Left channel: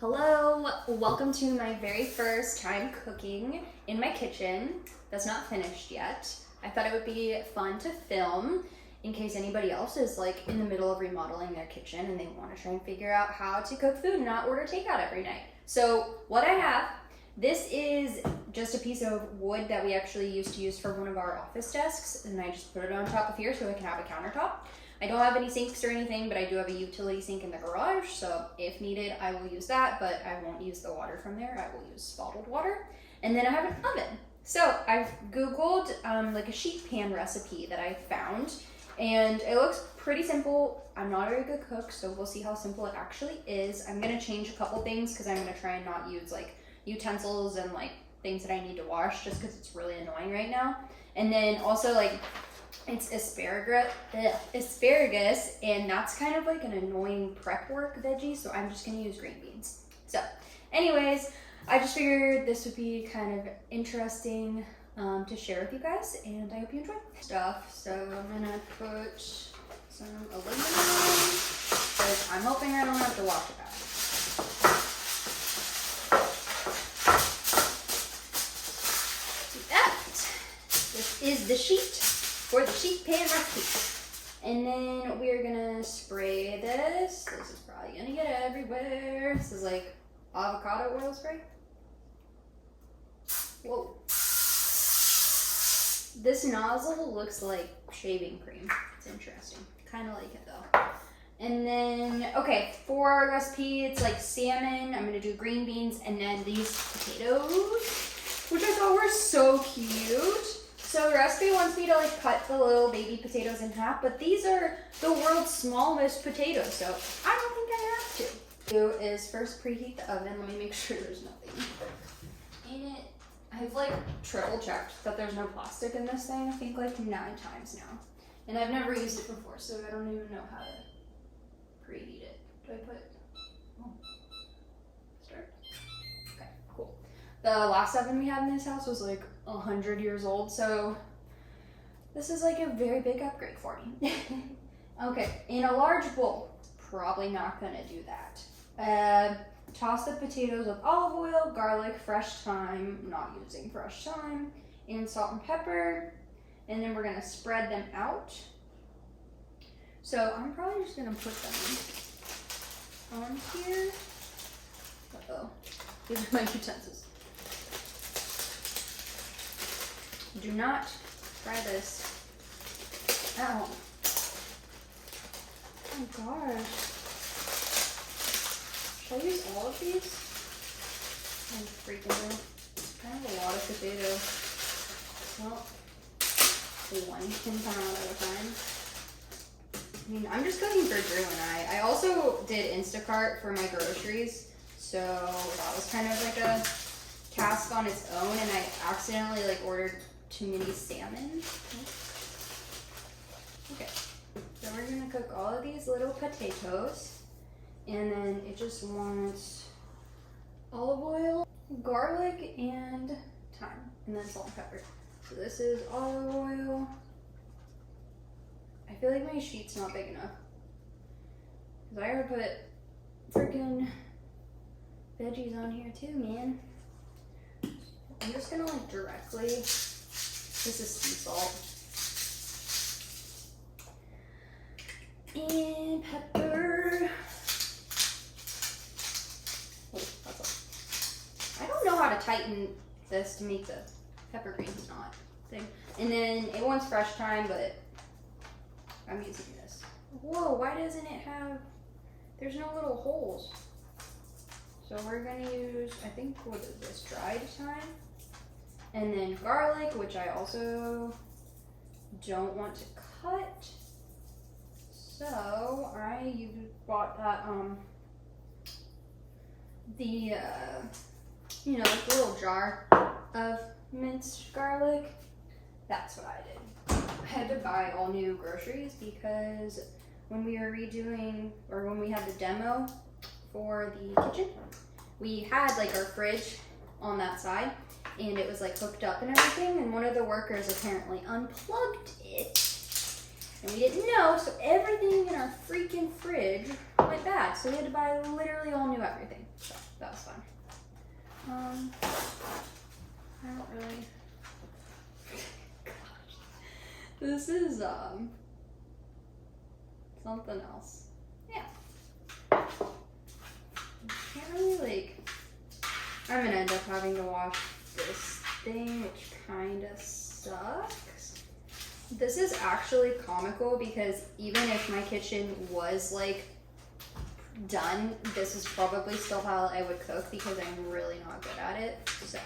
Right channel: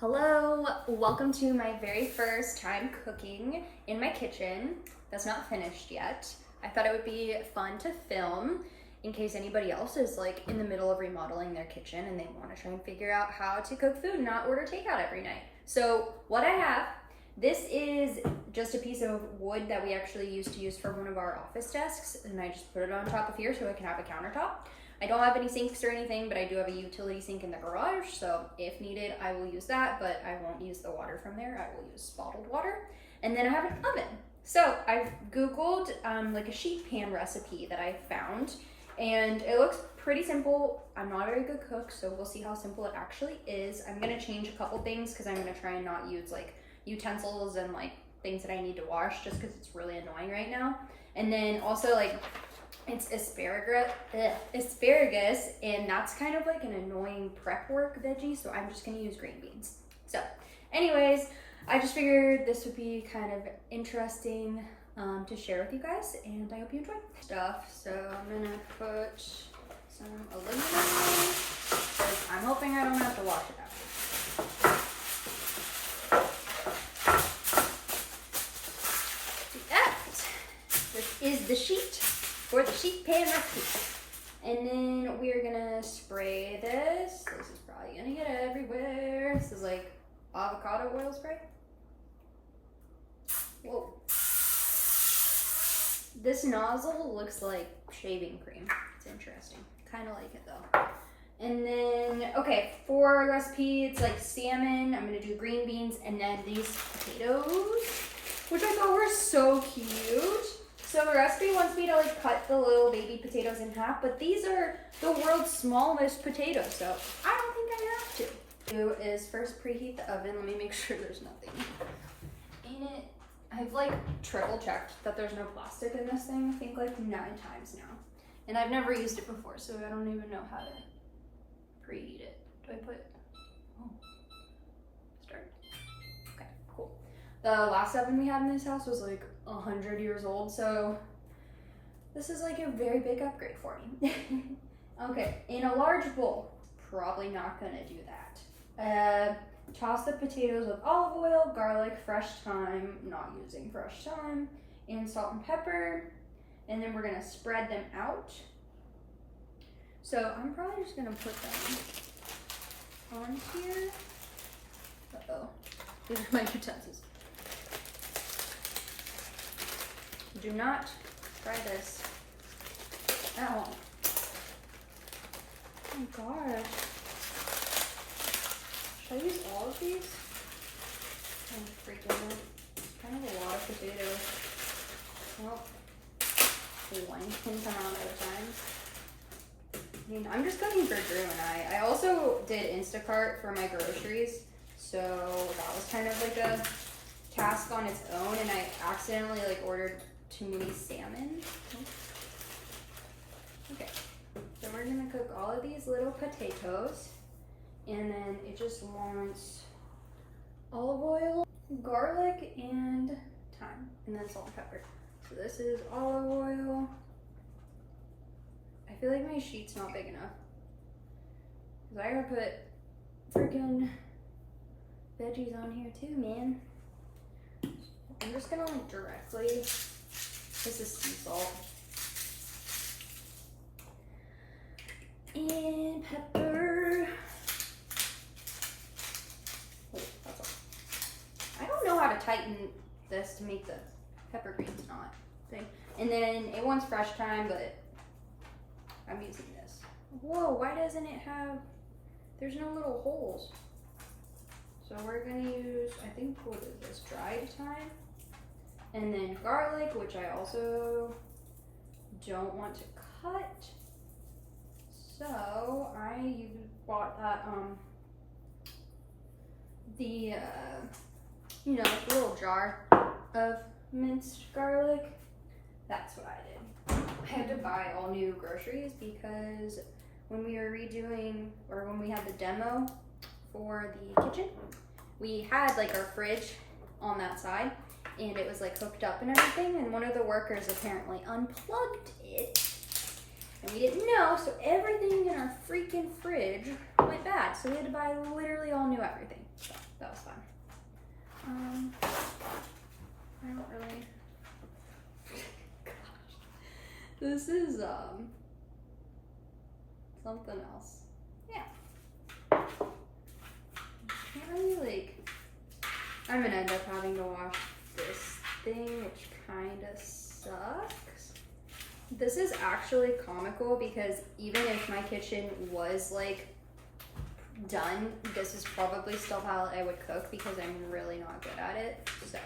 Hello, welcome to my very first time cooking in my kitchen. That's not finished yet. I thought it would be fun to film in case anybody else is like in the middle of remodeling their kitchen and they want to try and figure out how to cook food and not order takeout every night. So what I have, this is just a piece of wood that we actually used to use for one of our office desks, and I just put it on top of here so I can have a countertop. I don't have any sinks or anything, but I do have a utility sink in the garage, so if needed, I will use that, but I won't use the water from there. I will use bottled water. And then I have an oven. So I Googled like a sheet pan recipe that I found, and it looks pretty simple. I'm not a very good cook, so we'll see how simple it actually is. I'm gonna change a couple things because I'm gonna try and not use like utensils and like things that I need to wash just because it's really annoying right now. And then also like it's asparagus, and that's kind of like an annoying prep work veggie, so I'm just gonna use green beans. So anyways, I just figured this would be kind of interesting to share with you guys, and I hope you enjoy stuff. So I'm gonna put some aluminum because I'm hoping I don't have to wash it out. This is the sheet for the sheet pan recipe. And then we're gonna spray this. This is probably gonna get everywhere. This is like avocado oil spray. Whoa. This nozzle looks like shaving cream. It's interesting. Kind of like it though. And then, okay, for the recipe, it's like salmon. I'm gonna do green beans and then these potatoes, which I thought were so cute. So the recipe wants me to like cut the little baby potatoes in half, but these are the world's smallest potatoes, so I don't think I have to. Do is first preheat the oven. Let me make sure there's nothing in it. I've like triple checked that there's no plastic in this thing, I think like 9 times now. And I've never used it before, so I don't even know how to preheat it. Do I put, start? Okay, cool. The last oven we had in this house was like 100 years old, so this is like a very big upgrade for me. Okay, in a large bowl, probably not gonna do that. Toss the potatoes with olive oil, garlic, fresh thyme, not using fresh thyme, and salt and pepper, and then we're gonna spread them out. So I'm probably just gonna put them on here. Uh-oh, these are my utensils. Do not try this at home. Oh my gosh. Should I use all of these? I'm freaking out. It's kind of a lot of potatoes. Well, one can come out at a time. I mean, I'm just cooking for Drew and I. I also did Instacart for my groceries, so that was kind of like a task on its own, and I accidentally like ordered too many salmon. Okay, so we're gonna cook all of these little potatoes, and then it just wants olive oil, garlic, and thyme, and then salt and pepper. So this is olive oil. I feel like my sheet's not big enough because I gotta put freaking veggies on here too, man. I'm just gonna like directly, this is sea salt. And pepper. Oh, that's all. I don't know how to tighten this to make the pepper greens not thing. And then it wants fresh thyme, but I'm using this. Whoa, why doesn't it have, there's no little holes. So we're gonna use, I think, what is this, dried thyme? And then garlic, which I also don't want to cut. So I bought that, the little jar of minced garlic. That's what I did. I had to buy all new groceries because when we were redoing, or when we had the demo for the kitchen, we had like our fridge on that side, and it was like hooked up and everything, and one of the workers apparently unplugged it, and we didn't know, so everything in our freaking fridge went bad, so we had to buy literally all new everything. So that was fun. I don't really. Gosh, this is something else. Yeah. Can't really like. I'm gonna end up having to wash this thing, which kind of sucks. This is actually comical because even if my kitchen was like done, this is probably still how I would cook because I'm really not good at it. So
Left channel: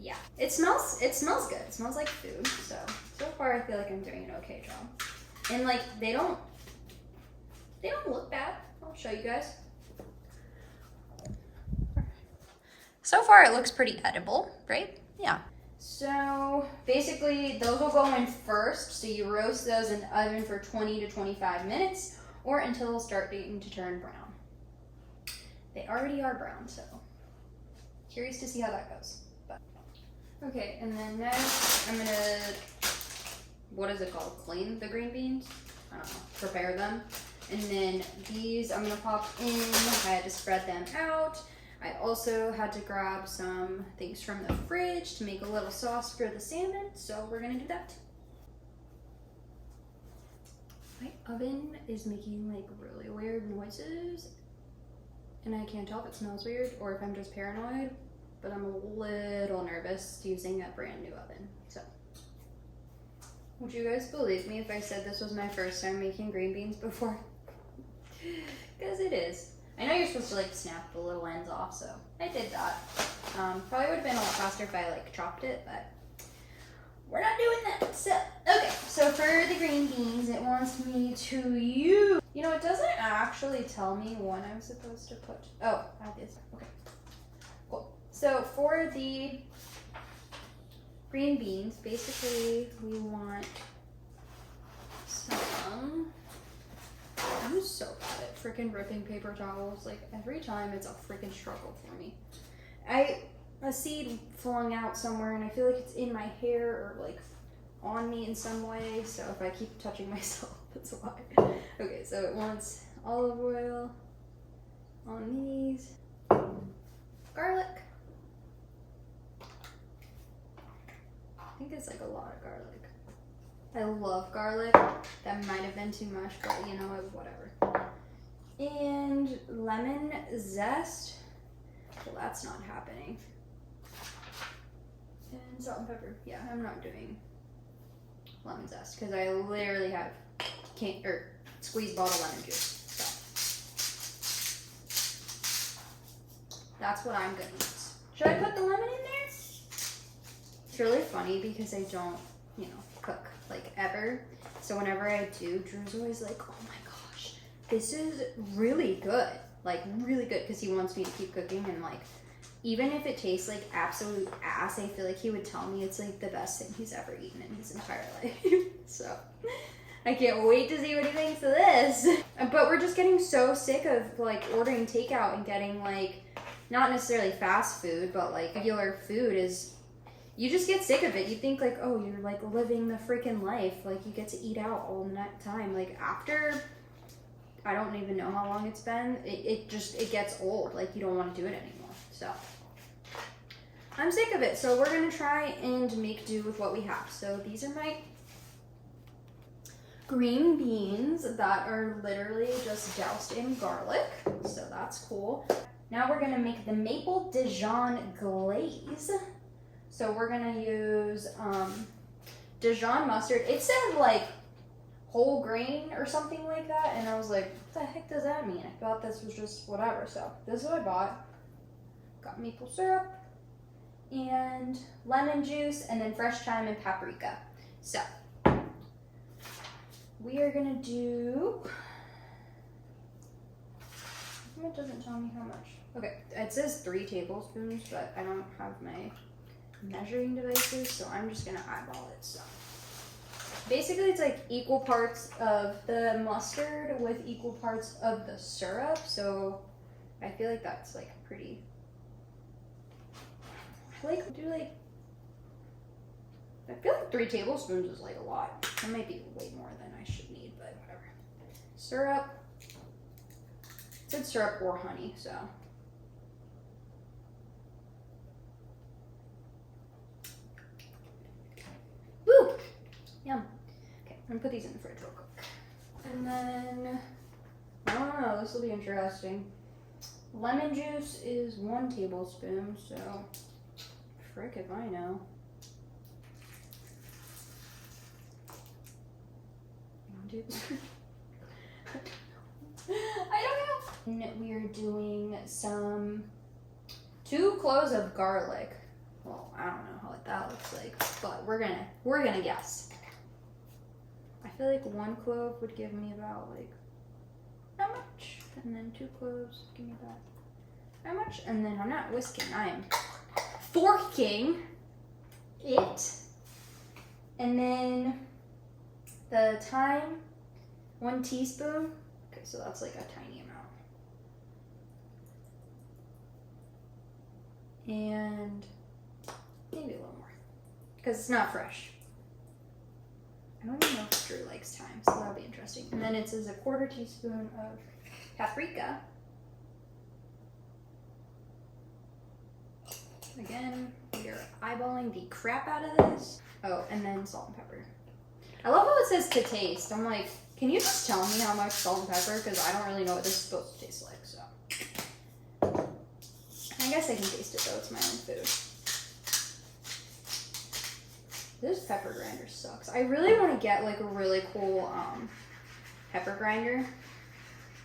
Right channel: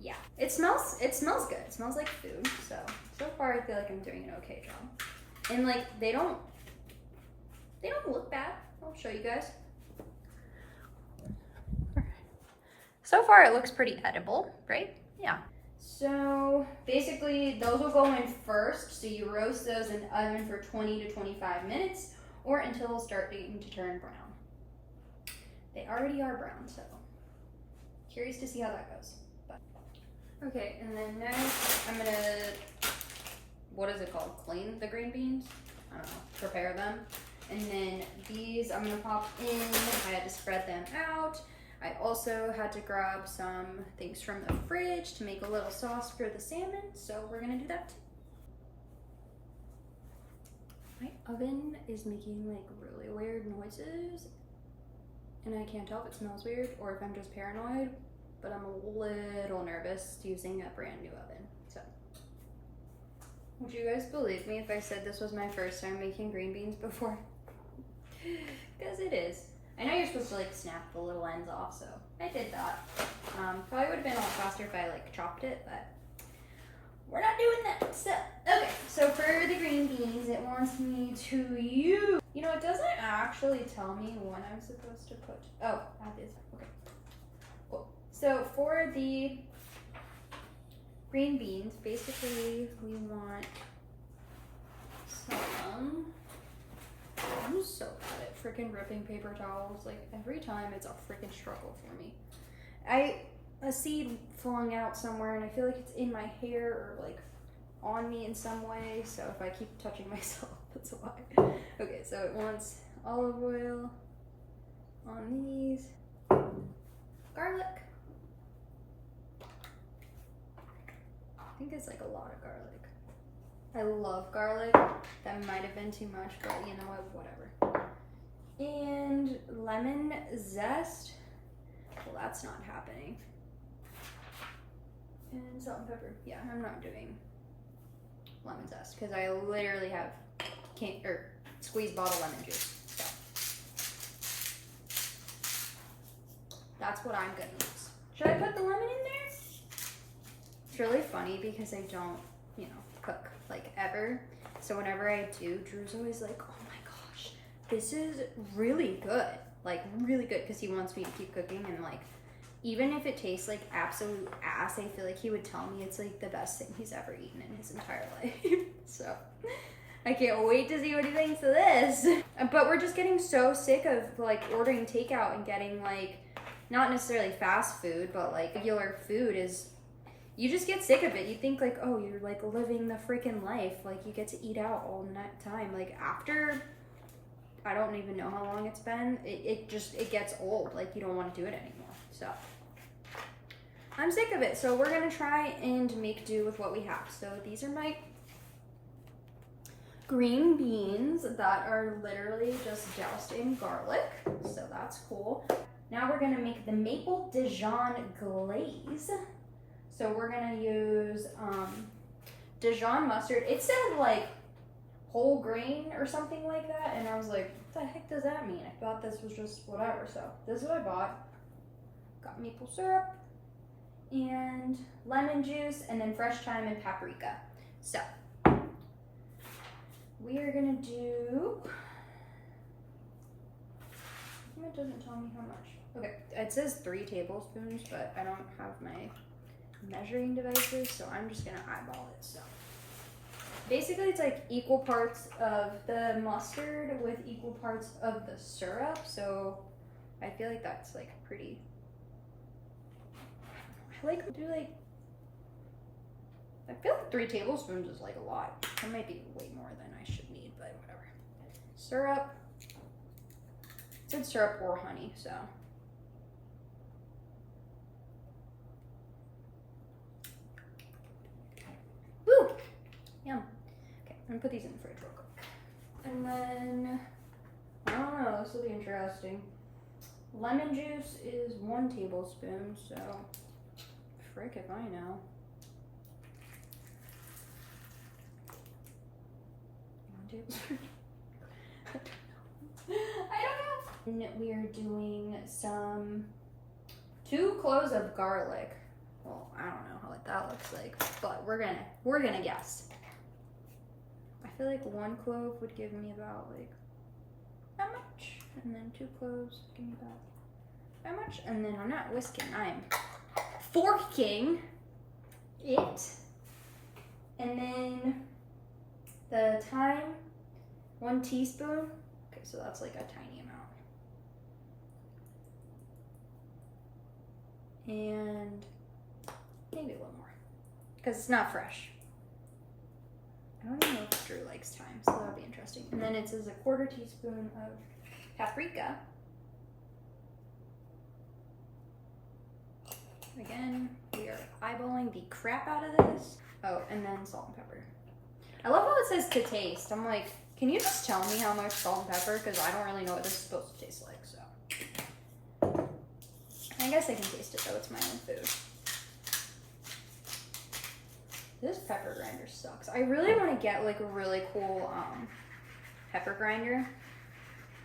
yeah, it smells good. It smells like food. So far I feel like I'm doing an okay job. And like they don't look bad. I'll show you guys. So far it looks pretty edible, right? Yeah. So basically those will go in first. So you roast those in the oven for 20 to 25 minutes or until they'll start to turn brown. They already are brown, so curious to see how that goes. But okay, and then next I'm gonna, what is it called? Clean the green beans? I don't know, prepare them. And then these I'm gonna pop in. I had to spread them out. I also had to grab some things from the fridge to make a little sauce for the salmon, so we're gonna do that too. My oven is making like really weird noises, and I can't tell if it smells weird or if I'm just paranoid, but I'm a little nervous using a brand new oven. So, would you guys believe me if I said this was my first time making green beans before? Because it is. I know you're supposed to like snap the little ends off, so I did that. Probably would have been a lot faster if I like chopped it, but we're not doing that. So, okay, so for the green beans, it wants me to use, you know, it doesn't actually tell me when I'm supposed to put, oh, I have this, okay, cool. So for the green beans, basically we want some, I'm so bad at freaking ripping paper towels. Like every time it's a freaking struggle for me. A seed flung out somewhere and I feel like it's in my hair or like on me in some way. So if I keep touching myself, that's why. Okay, so it wants olive oil on these. Garlic. I think it's like a lot of garlic. I love garlic. That might have been too much, but you know what, whatever. And lemon zest. Well, that's not happening. And salt and pepper. Yeah, I'm not doing lemon zest because I literally have squeezed bottle lemon juice. So that's what I'm gonna use. Should I put the lemon in there? It's really funny because I don't, you know, cook like ever. So whenever I do, Drew's always like, oh my gosh, this is really good. Like really good, because he wants me to keep cooking, and like even if it tastes like absolute ass, I feel like he would tell me it's like the best thing he's ever eaten in his entire life. So I can't wait to see what he thinks of this. But we're just getting so sick of like ordering takeout and getting like, not necessarily fast food, but like regular food is, you just get sick of it. You think like, oh, you're like living the freaking life. Like you get to eat out all the time. Like after, I don't even know how long it's been. It gets old. Like you don't want to do it anymore. So I'm sick of it. So we're going to try and make do with what we have. So these are my green beans that are literally just doused in garlic. So that's cool. Now we're going to make the maple Dijon glaze. So we're going to use Dijon mustard. It said like whole grain or something like that, and I was like, what the heck does that mean? I thought this was just whatever. So this is what I bought. Got maple syrup and lemon juice and then fresh thyme and paprika. So we are gonna do, it doesn't tell me how much. Okay, it says 3 tablespoons, but I don't have my measuring devices, so I'm just gonna eyeball it. So basically it's like equal parts of the mustard with equal parts of the syrup, so I feel like that's like pretty, I feel like 3 tablespoons is like a lot. That might be way more than I should need, but whatever. Syrup, good syrup or honey, so Yum. Okay, I'm gonna put these in the fridge real quick. And then, I don't know, this will be interesting. Lemon juice is 1 tablespoon, so frick if I know. 1 tablespoon. I don't know. And we are doing some 2 cloves of garlic. Well, I don't know what that looks like, but we're gonna guess. I feel like 1 clove would give me about like that much, and then 2 cloves give me about that much, and then I'm not whisking, I'm forking it, and then the thyme, 1 teaspoon. Okay, so that's like a tiny amount, and maybe a little more because it's not fresh. I don't even know if Drew likes thyme, so that'll be interesting. And then it says a 1/4 teaspoon of paprika. Again, we are eyeballing the crap out of this. Oh, and then salt and pepper. I love how it says to taste. I'm like, can you just tell me how much salt and pepper? Because I don't really know what this is supposed to taste like, so. I guess I can taste it though, it's my own food. This pepper grinder sucks. I really want to get like a really cool pepper grinder,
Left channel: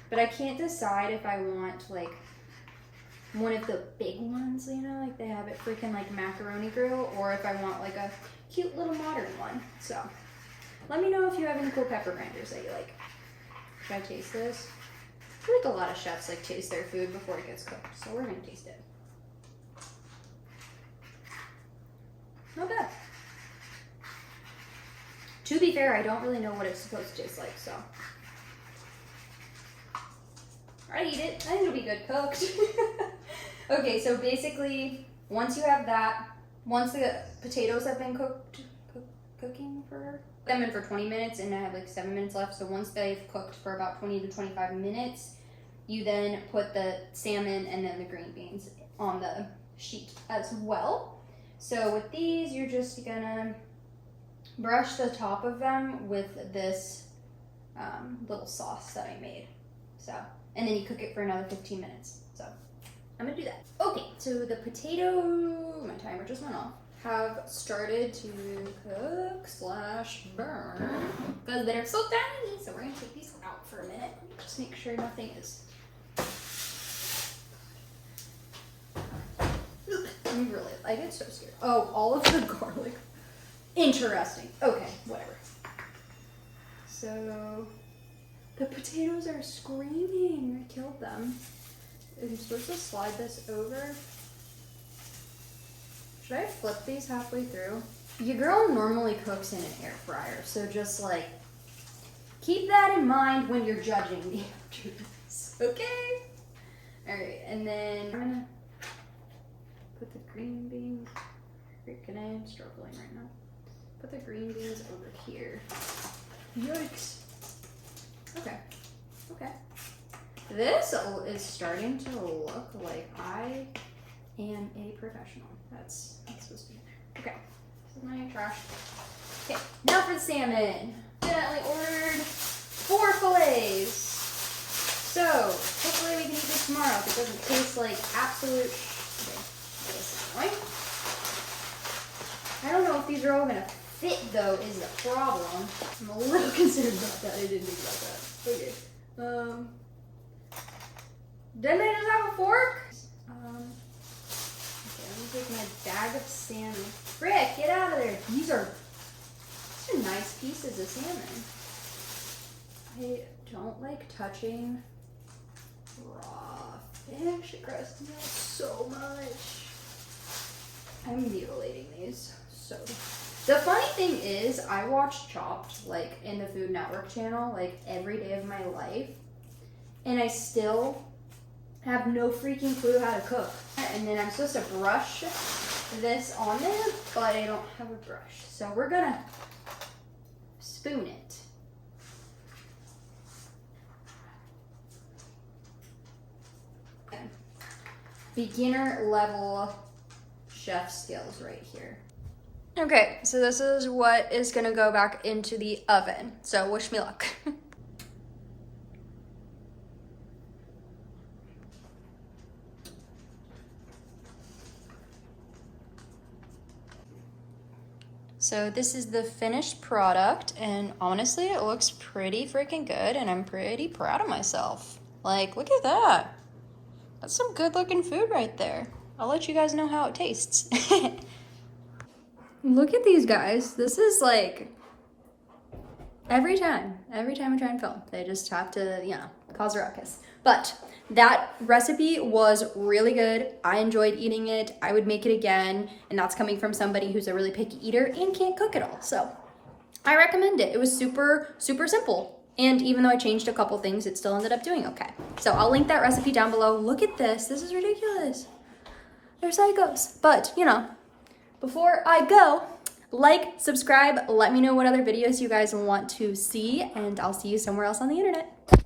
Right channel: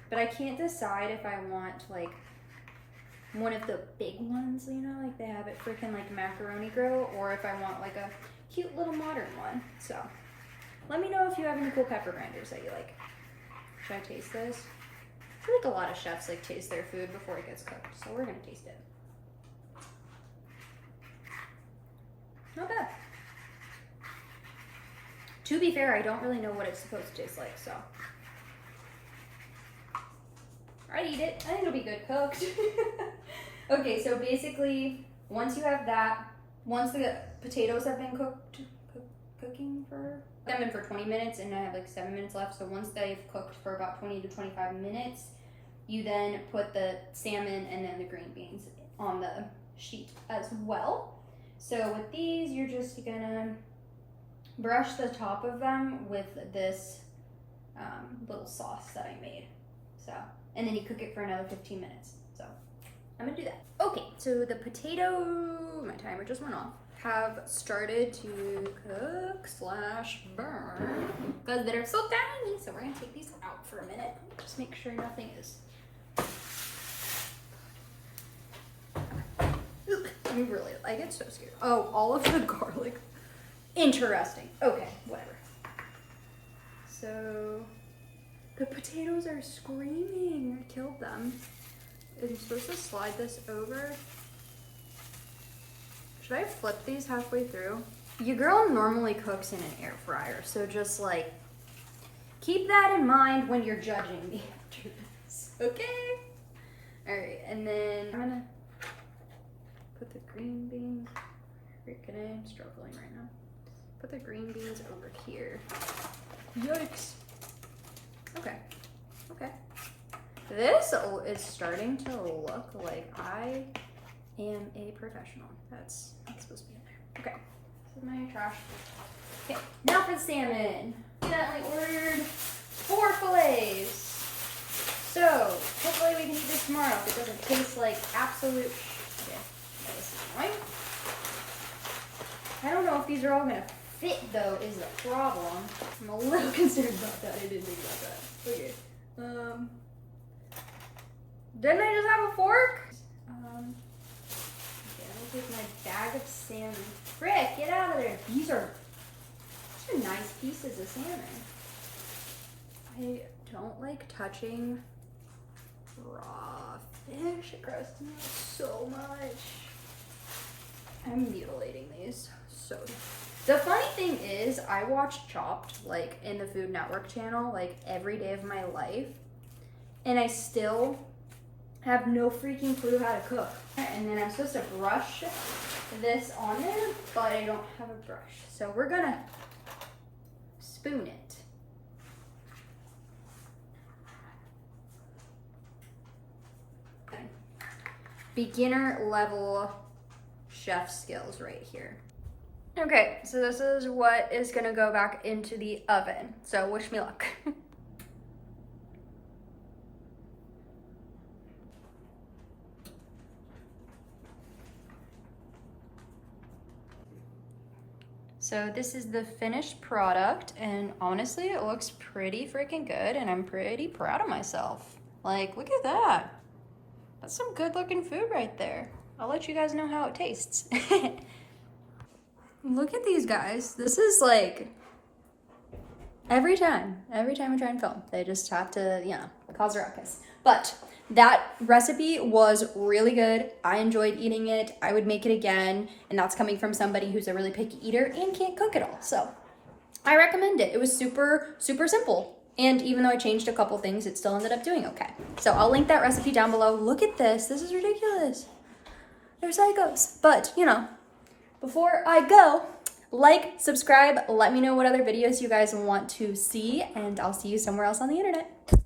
but I can't decide if I want like one of the big ones, you know, like they have it freaking like Macaroni Grill, or if I want like a cute little modern one. So let me know if you have any cool pepper grinders that you like. Should I taste this? I feel like a lot of chefs like taste their food before it gets cooked, so we're gonna taste it. Not bad. To be fair, I don't really know what it's supposed to taste like, so. I'd eat it. I think it'll be good cooked. Okay, so basically, once you have that, once the potatoes have been cooking for, them in for 20 minutes, and I have like 7 minutes left, so once they've cooked for about 20 to 25 minutes, you then put the salmon and then the green beans on the sheet as well. So with these, you're just gonna brush the top of them with this little sauce that I made. So, and then you cook it for another 15 minutes. So I'm gonna do that. Okay, so the potato, my timer just went off, have started to cook / burn because they're so tiny. So we're gonna take these out for a minute. Just make sure nothing is. I'm really, I get so scared. Oh, all of the garlic. Interesting. Okay, whatever. So the potatoes are screaming. I killed them. I'm supposed to slide this over. Should I flip these halfway through? Your girl normally cooks in an air fryer, so just like keep that in mind when you're judging me after this. Okay? Alright, and then I'm gonna put the green beans. Freaking I'm struggling right now. Put the green beans over here. Yikes. Okay. Okay. This is starting to look like I am a professional. That's supposed to be in there. Okay. This is my trash. Okay. Now for the salmon. Accidentally ordered 4 fillets. So hopefully we can eat this tomorrow if it doesn't taste like absolute. Okay. This is annoying. I don't know if these are all gonna fit though, is the problem. I'm a little concerned about that. I didn't think about that. Okay. Didn't I just have a fork? Okay, let me take my bag of salmon. Frick, get out of there. These are nice pieces of salmon. I don't like touching raw fish. It grosses me out so much. I'm mutilating these. So the funny thing is I watch Chopped like in the Food Network channel like every day of my life, and I still have no freaking clue how to cook. And then I'm supposed to brush this on there, but I don't have a brush, so we're gonna spoon it. Okay. Beginner level chef skills right here. Okay, so this is what is gonna go back into the oven. So wish me luck. So this is the finished product, and honestly, it looks pretty freaking good, and I'm pretty proud of myself. Like, look at that. That's some good looking food right there. I'll let you guys know how it tastes. Look at these guys. This is like, every time I try and film, they just have to, you know, cause a ruckus. But that recipe was really good. I enjoyed eating it. I would make it again, and that's coming from somebody who's a really picky eater and can't cook at all. So I recommend it. It was super, super simple. And even though I changed a couple things, it still ended up doing okay. So I'll link that recipe down below. Look at this. This is ridiculous. They're psychos. But, you know, before I go, like, subscribe, let me know what other videos you guys want to see, and I'll see you somewhere else on the internet.